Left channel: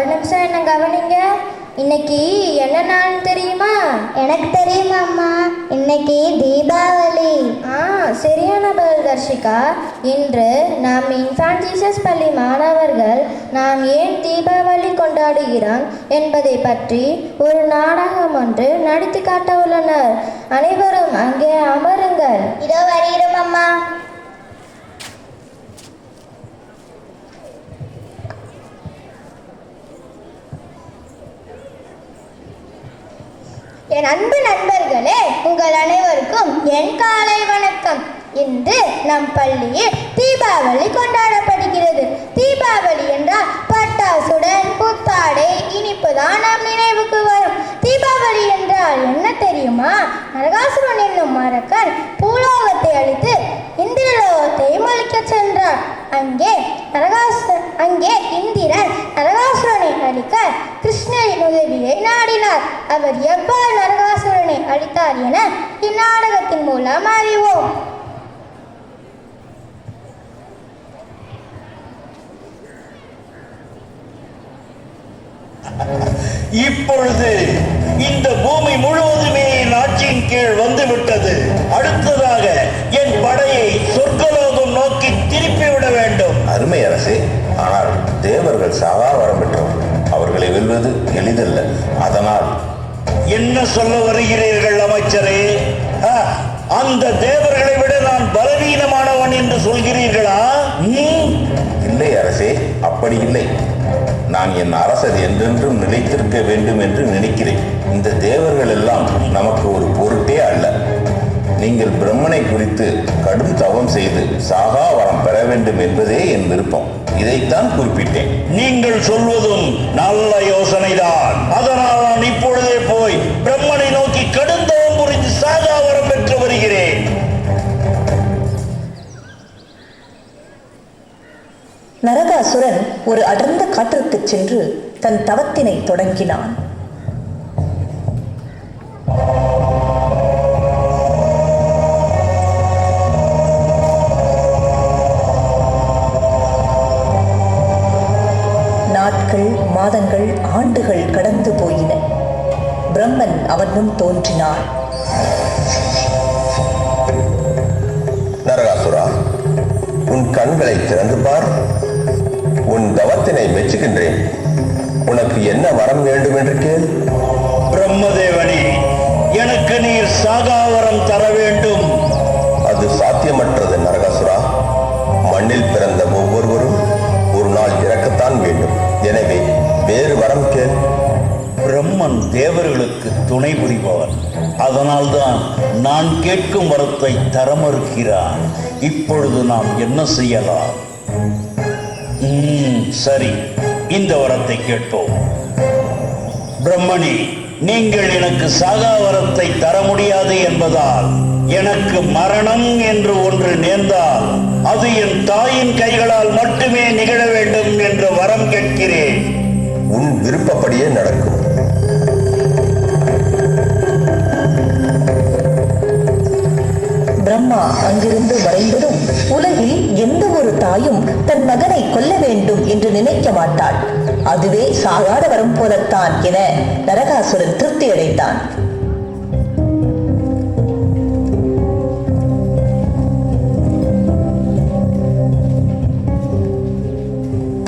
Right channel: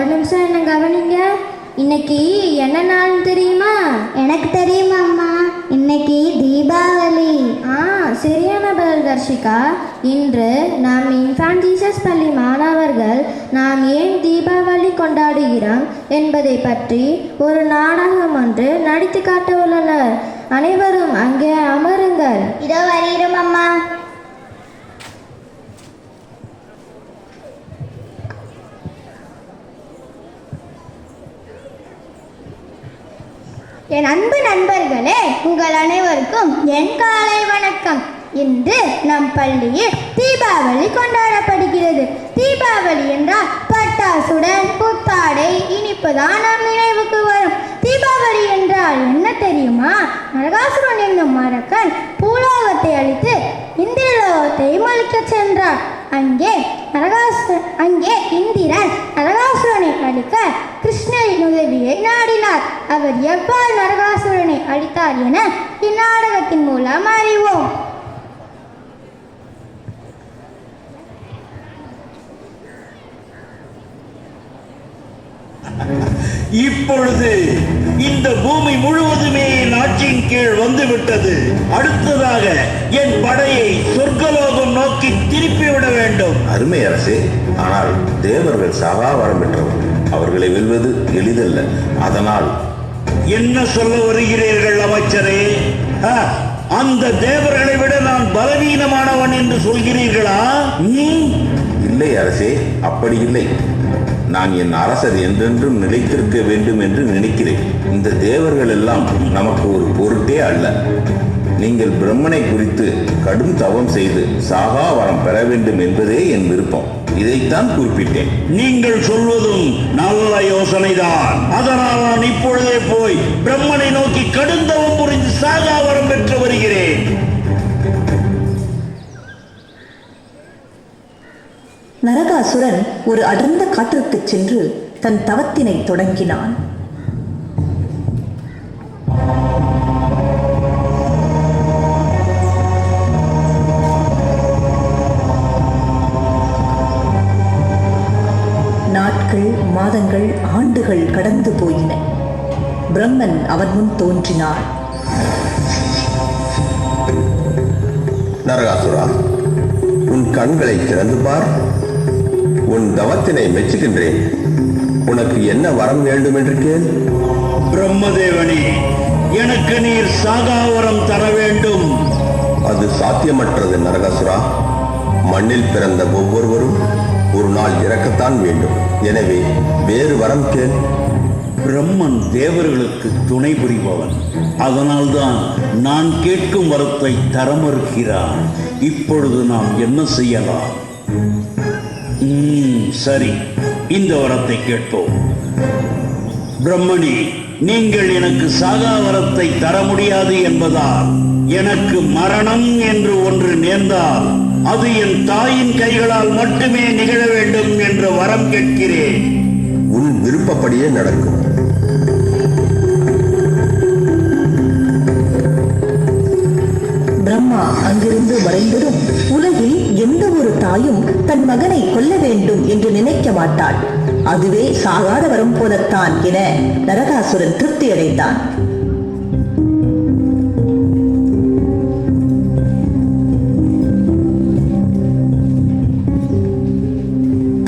ஒரு நிமிஷம் என்ன கவனிங்க. இன்னைக்கு என்ன நாள் தெரியுமா? எனக்கு தெரியுமா அம்மா, இன்னைக்கு தீபாவளி. சரியான பதில் தர்ஷிகா. இன்று நாம் இன்ஃபான்ட் ஜீசஸ் பள்ளி மாணவர்கள் நாம் ஏன் தீபாவளி கொண்டாடுகிறோம் என்பதை பற்றி ஒரு நாடகம் ஒன்று நடித்து காட்ட உள்ளனர். அனைவரும் அங்கே அமருங்கள். இதோ வருகிறோம் அம்மா. என் அன்பு நண்பர்களே, உங்கள் அனைவருக்கும் என் காலை வணக்கம். இன்று நம் பள்ளியில் தீபாவளி கொண்டாடப்படுகிறது. தீபாவளி என்றால் பட்டாசுடன் புத்தாடை இனிப்புதான் நம் நினைவுக்கு வரும். தீபாவளி என்றால் என்ன தெரியுமா? நரகாசுரன் என்னும் அரக்கன் பூலோகத்தை அழித்து இந்திரலோகத்தையும் அழிக்கச் சென்றான். அங்கே இந்திரன் நரகாசுரனை அழிக்க கிருஷ்ணரின் உதவியை நாடினார். அவர் எவ்வாறு நரகாசுரனை அழித்தார் என இந்நாடகத்தின் மூலம் அறிவோம். இப்பொழுது இந்த பூமி முழுவதுமே என் ஆட்சியின் கீழ் வந்துவிட்டது. அடுத்ததாக என் படையை சொர்க்கலோகம் நோக்கி திருப்பிவிட வேண்டும். அருமை அரசே, ஆனால் தேவர்கள் சாகா வரம் பெற்றவர்கள். அவர்களை வெல்வது எளிதல்ல. அதனால் என்ன சொல்ல வருகிறீர்கள் அமைச்சரே? அந்த தேவர்களை விட நான் பலவீனமானவன் என்று சொல்கிறீர்களா? இல்லை அரசே, அப்படி இல்லை. நான் என் அரசர் என்றென்றும் நிலைத்திருக்க வேண்டும் என்று நினைக்கிறேன். இந்த தேவர்கள் எல்லாம் நமக்கு ஒரு பொருட்டே அல்ல. நீங்கள் பிரம்மனை குறித்து கடும் தவம் செய்து சாகா வரம் பெற வேண்டும் என்பதே என் விருப்பம். இதைத்தான் குறிப்பிட்டேன். நீங்கள் சொல்வதும் நல்ல யோசனைதான். அதனால் நான் இப்பொழுதே போய் பிரம்மனை நோக்கி கடுந்தவம் புரிந்து சாகா வரம் பெற்று வருகிறேன். நரகாசுரன் ஒரு அடர்ந்த காட்டிற்கு சென்று தன் தவத்தினை தொடங்கினான். நாட்கள், மாதங்கள், ஆண்டுகள் கடந்து போயின. பிரம்மன் அவன் முன் தோன்றினான். நரகாசுரா, உன் கண்களை திறந்து பார். உன் தவத்தினை மெச்சுகின்றேன். உனக்கு என்ன வரம் வேண்டும் என்று கேள். பிரம்மதேவனே, எனக்கு நீர் சாகாவரம் தர வேண்டும். அது சாத்தியமற்றது நரகாசுரா. மண்ணில் பிறந்த ஒவ்வொருவரும் ஒரு நாள் இறக்கத்தான் வேண்டும். எனவே வேறு வரம் கேள். பிரம்மன் தேவர்களுக்கு துணை புரிபவன். அதனால்தான் நான் கேட்கும் வரத்தை தர மறுக்கிறான். இப்பொழுது நாம் என்ன செய்யலாம்? சரி, இந்த வரத்தை கேட்போம். பிரம்மனே, நீங்கள் எனக்கு சாகா வரத்தை தர முடியாது என்பதால் எனக்கு மரணம் என்று ஒன்று நேர்ந்தால் அது என் தாயின் கைகளால் மட்டுமே நிகழ வேண்டும் என்று வரம் கேட்கிறேன். உன் விருப்பப்படியே நடக்கும். பிரம்மா அங்கிருந்து மறைந்ததும் உலகில் எந்த ஒரு தாயும் தன் மகனை கொல்ல வேண்டும் என்று நினைக்க மாட்டாள். அதுவே சாகாத வரம் போலத்தான் என நரகாசுரன் திருப்தி அடைந்தான்.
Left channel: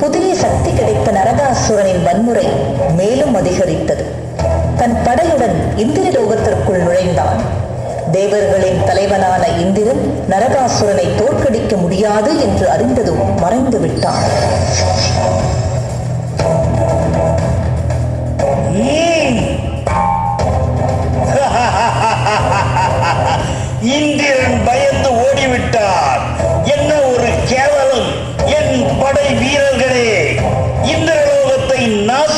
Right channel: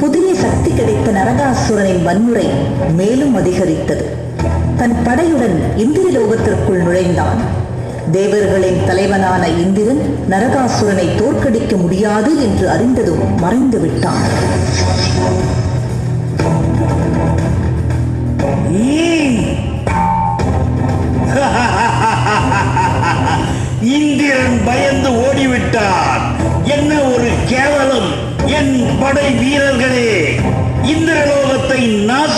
புதிய சக்தி கிடைத்த நரகாசுரனின் வன்முறை மேலும் அதிகரித்தது. தன் படையுடன் இந்திர லோகத்திற்குள் நுழைந்தான். தேவர்களின் தலைவனான இந்திரன் நரகாசுரனை தோற்கடிக்க முடியாது என்று அறிந்ததும் மறைந்து விட்டான். இந்திரன் பயந்து ஓடிவிட்டான். என்ன ஒரு கேவலம்! என் படை வீரர்களே, இந்திரலோகத்தை நாச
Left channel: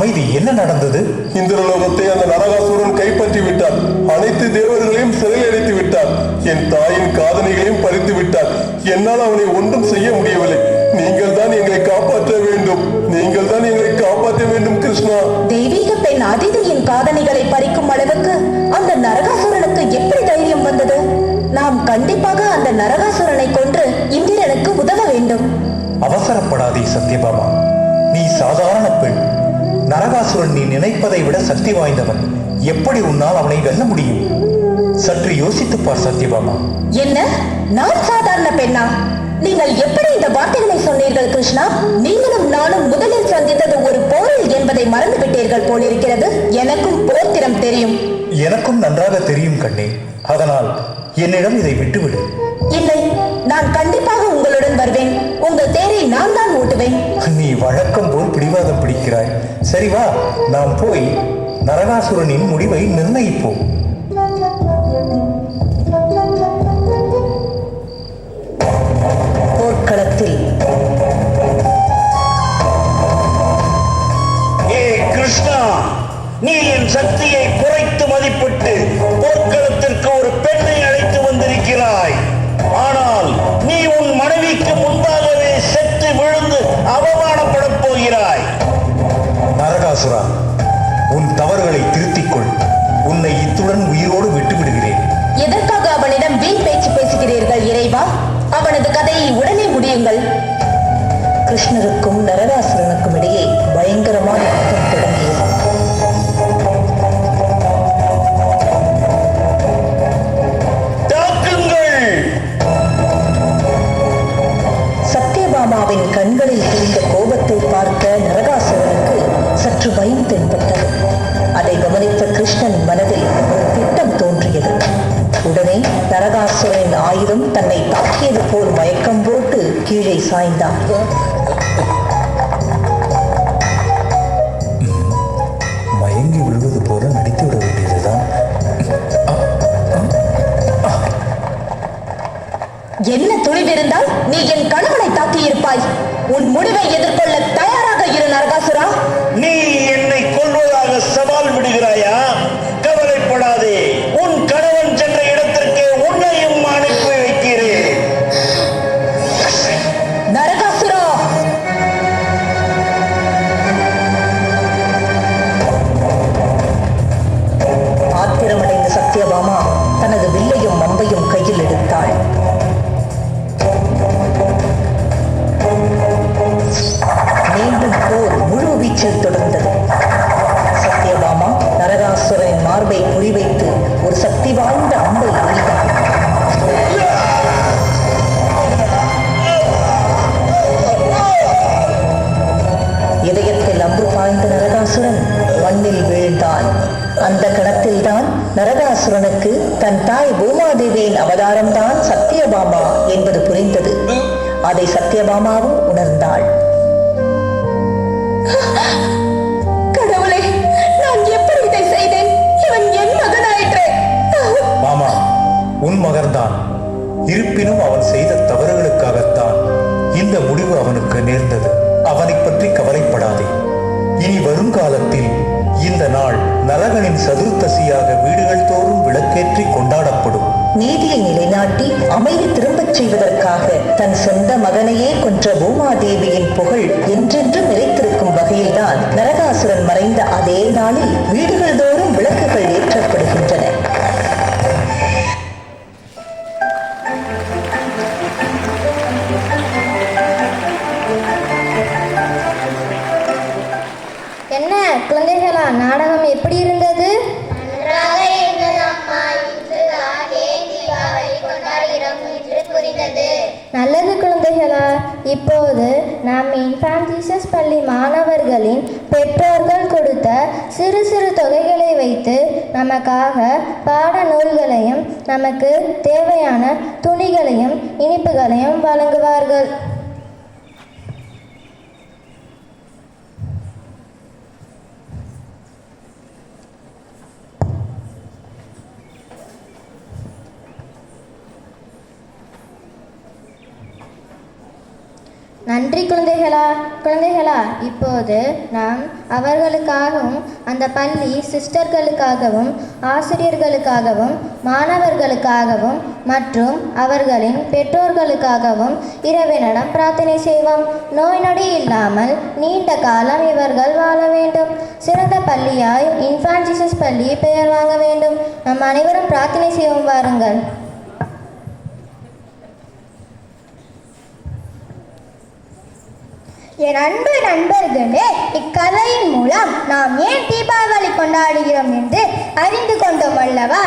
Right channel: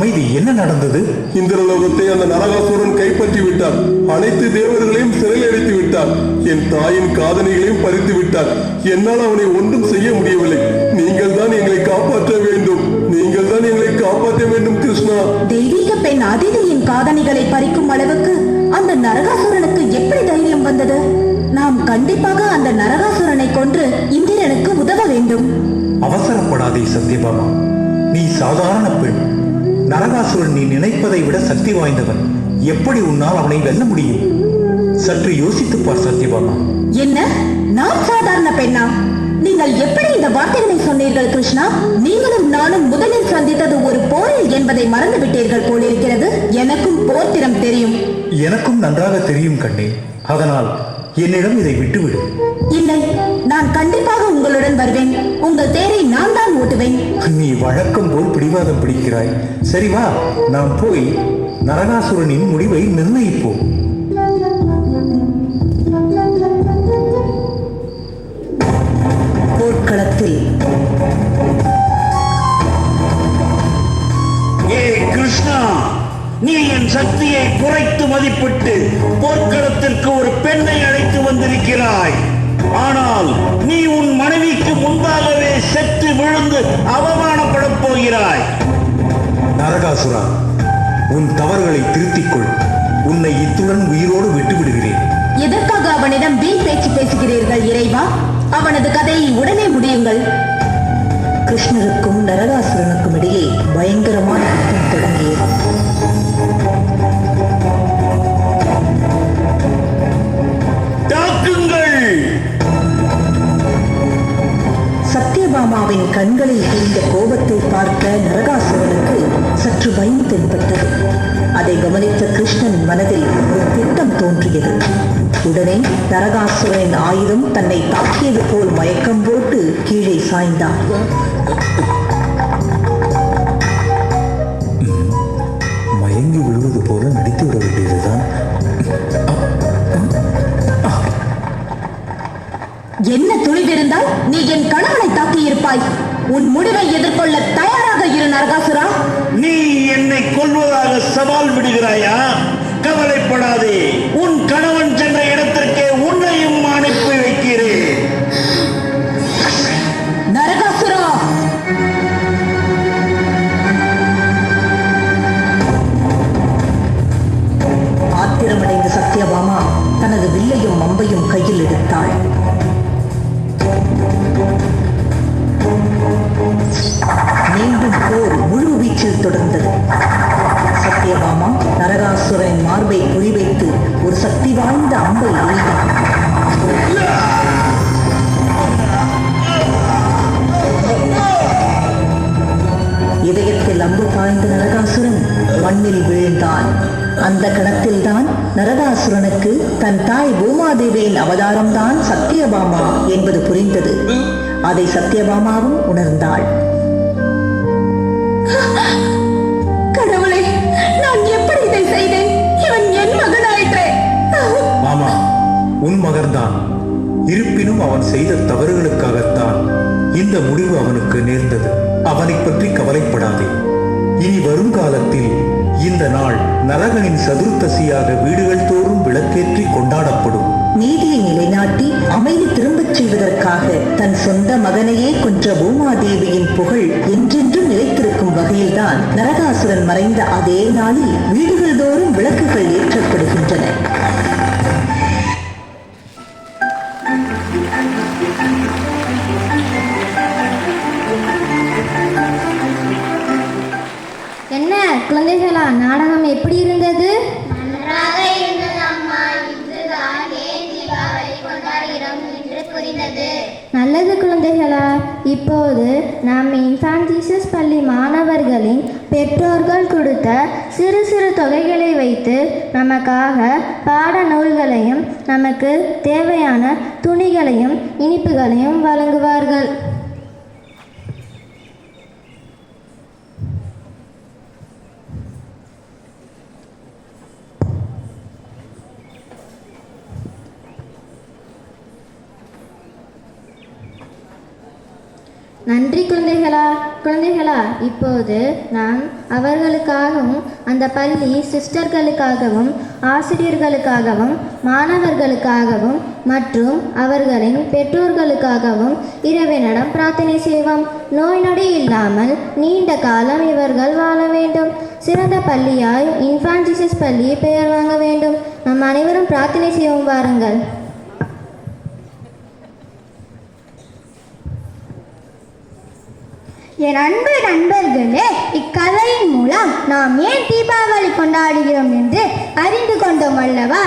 அமைதி, என்ன நடந்தது? இந்திரலோகத்தை அந்த நரகாசுரன் கைப்பற்றி விட்டார். அனைத்து தேவர்களையும் சிறையடைத்து விட்டார். என் தாயின் காதணிகளையும் பறித்து விட்டார். என்னால் அவனை ஒன்றும் செய்ய முடியவில்லை. நீங்கள் தான் எங்களை காப்பாற்ற வேண்டும். நீங்கள் தான் எங்களை காப்பாற்ற வேண்டும் கிருஷ்ணா. தெய்வீக பெண் அதிதியின் காதணிகளை பறிக்கும் அளவுக்கு அந்த நரகாசுரனுக்கு எப்படி தைரியம் வந்தது? நாம் கண்டிப்பாக அந்த நரகாசுரனை கொன்று இந்திரனுக்கு உதவ வேண்டும். அவசரப்படாதே சத்யபாமா, நீ சாதாரண பெண். நரகாசுரன் நீ நினைப்பதை விட சக்தி வாய்ந்தவன். எப்படி உன்னால் அவனை வெல்ல முடியும்? சற்று யோசித்துப் பார் சத்யபாமா. என்ன, நான் சாதாரண பெண்ணா? நீங்கள் எப்படி இந்த வார்த்தைகளை சொன்னீர்கள் கிருஷ்ணா? நீங்களும் நானும் முதலில் சந்தித்தது ஒரு போரில் என்பதை மறந்து விட்டீர்கள் போலிருக்கிறது. எனக்கும் போர்த்திரம் தெரியும். எனக்கும் நன்றாக தெரியும் கண்ணே. அதனால் என்னிடம் இதை விட்டுவிடு. இல்லை, நான் கண்டிப்பாக உங்களுடன் வருவேன். உங்கள் தேரை நான் தான் ஓட்டுவேன். நீ வழக்கம் போல் பிடிவாதம் பிடிக்கிறாய். சரி வா, நாம் போய் நரகாசுரனின் முடிவை நிர்ணயிப்போம். போர்க்களத்தில் ஏ கிருஷ்ணா, நீ என் சக்தியை குறைத்து மதிப்பிட்டு போர்க்களத்திற்கு ஒரு பெண்ணை அழைத்து வந்திருக்கிறாய். ஆனால் நீ உன் மனைவிக்கு முன்பாகவே செத்து விழுந்து அவமானப்படப் போகிறாய். நரகாசுரா, உன் தவறுகளை திருத்திக் கொள். உன்னை இத்துடன் உயிரோடு விட்டுவிடுகிறேன். எதற்காக அவனிடம் வீண் பேச்சு பேசுகிறீர்கள் இறைவா? அவனது கதையை உடனே முடியுங்கள். கிருஷ்ணருக்கும் நரகாசுரனுக்கும் இடையே பயங்கரமான யுத்தம் தொடங்கியது. தாக்குங்கள்! சத்யபாமாவின் கண்களில் தெரிந்த கோபத்தை பார்த்த நரகாசுரனுக்கு சற்று பயம் தென்பட்டது. அதை கவனித்த கிருஷ்ணன் மனதில் ஒரு திட்டம் தோன்றியது. உடனே நரகாசுரனின் ஆயுதம் தன்னை தாக்கியது போல் மயக்கம் போட்டு கீழே சாய்ந்தான். மயங்கி விழுவது போல நடித்து விட வேண்டியதுதான். என்ன துணிவிருந்தால் நீ என் கணவனை தாக்கியிருப்பாய். உன் முடிவை எதிர்கொள்ள தயாராக இரு நரகாசுரா. நீ என்னை கொல்வதாக சவால் விடுகிறாயா? கவலைப்படாதே, உன் கணவன் சென்ற இடத்திற்கே உன்னையும் அனுப்பி வைக்கிறேன். நரகாசுரா! ஆத்திரமடைந்த சத்யபாமா தனது வில்லையும் அம்பையும் கையில் எடுத்தாள். மீண்டும் போர் முழு வீச்சில் தொடர்ந்தது. சத்யபாமா நரகாசுரனின் மார்பை குறிவைத்து ஒரு சக்தி வாய்ந்த அம்பை எய்தாள். இதயத்தில் அம்பு பாய்ந்த நரகாசுரன் மண்ணில் வீழ்ந்தான். அந்த கணத்தில்தான் நரகாசுரனுக்கு தன் தாய் பூமாதேவியின் அவதாரம்தான் சத்யபாமா என்பது புரிந்தது. அதை சத்யபாமாவும் உணர்ந்தாள். கடவுளே, நான் எப்படி இதை செய்தேன்? இவன் என் மகனாயிற்றே. ஆமா, உன் மகன்தான். இருப்பினும் அவன் செய்த தவறுகளுக்காகத்தான் இந்த முடிவு அவனுக்கு நேர்ந்தது. அவனை பற்றி கவலைப்படாதே. இனி வரும் காலத்தில் இந்த நாள் நரகனின் சதுர்த்தசியாக வீடுகள் தோறும் விளக்கேற்றி கொண்டாடப்படும். நீதியை நிலைநாட்டி அமைதி திரும்பச் செய்வதற்காக தன் சொந்த மகனையே கொன்ற பூமாதேவியின் புகழ் என்றென்றும் நிலைத்திருக்கும் வகையில்தான் நரகாசுரன் மறைந்த அதே நாளில் வீடுகள் தோறும் விளக்குகள் ஏற்றப்படுகின்றன. என்ன குழந்தைகளா, நாடகம் எப்படி இருந்தது? நன்றாக இருந்தது அம்மா. இன்றுதான் ஏன் தீபாவளி கொண்டாடுகிறோம் என்று புரிந்தது. நல்லது குழந்தைகளா, இப்போது நம் இன்ஃபான்ட் ஜீசஸ் பள்ளி மாணவர்களின் பெற்றோர்கள் கொடுத்த சிறு சிறு தொகைகளை வைத்து நமக்காக பாட நூல்களையும் நமக்கு தேவையான துணிகளையும் இனிப்புகளையும் வழங்குவார்கள். நன்றி குழந்தைகளா. இப்போது நாம் அவர்களுக்காகவும் அந்த பள்ளி சிஸ்டர்களுக்காகவும் ஆசிரியர்களுக்காகவும் மாணவர்களுக்காகவும் மற்றும் அவர்களின் பெற்றோர்களுக்காகவும் இறைவனிடம் பிரார்த்தனை செய்வோம். நோய் நொடி இல்லாமல் நீண்ட காலம் இவர்கள் வாழ வேண்டும். சிறந்த பள்ளியாய் இன்ஃபான்ட் ஜீசஸ் பள்ளி பெயர் வாங்க வேண்டும். நம் அனைவரும் பிரார்த்தனை செய்வோம், வாருங்கள். என் அன்பு நண்பர்களே, இக்கதையின் மூலம் நாம் ஏன் தீபாவளி கொண்டாடுகிறோம் என்று அறிந்து கொண்டோம் அல்லவா?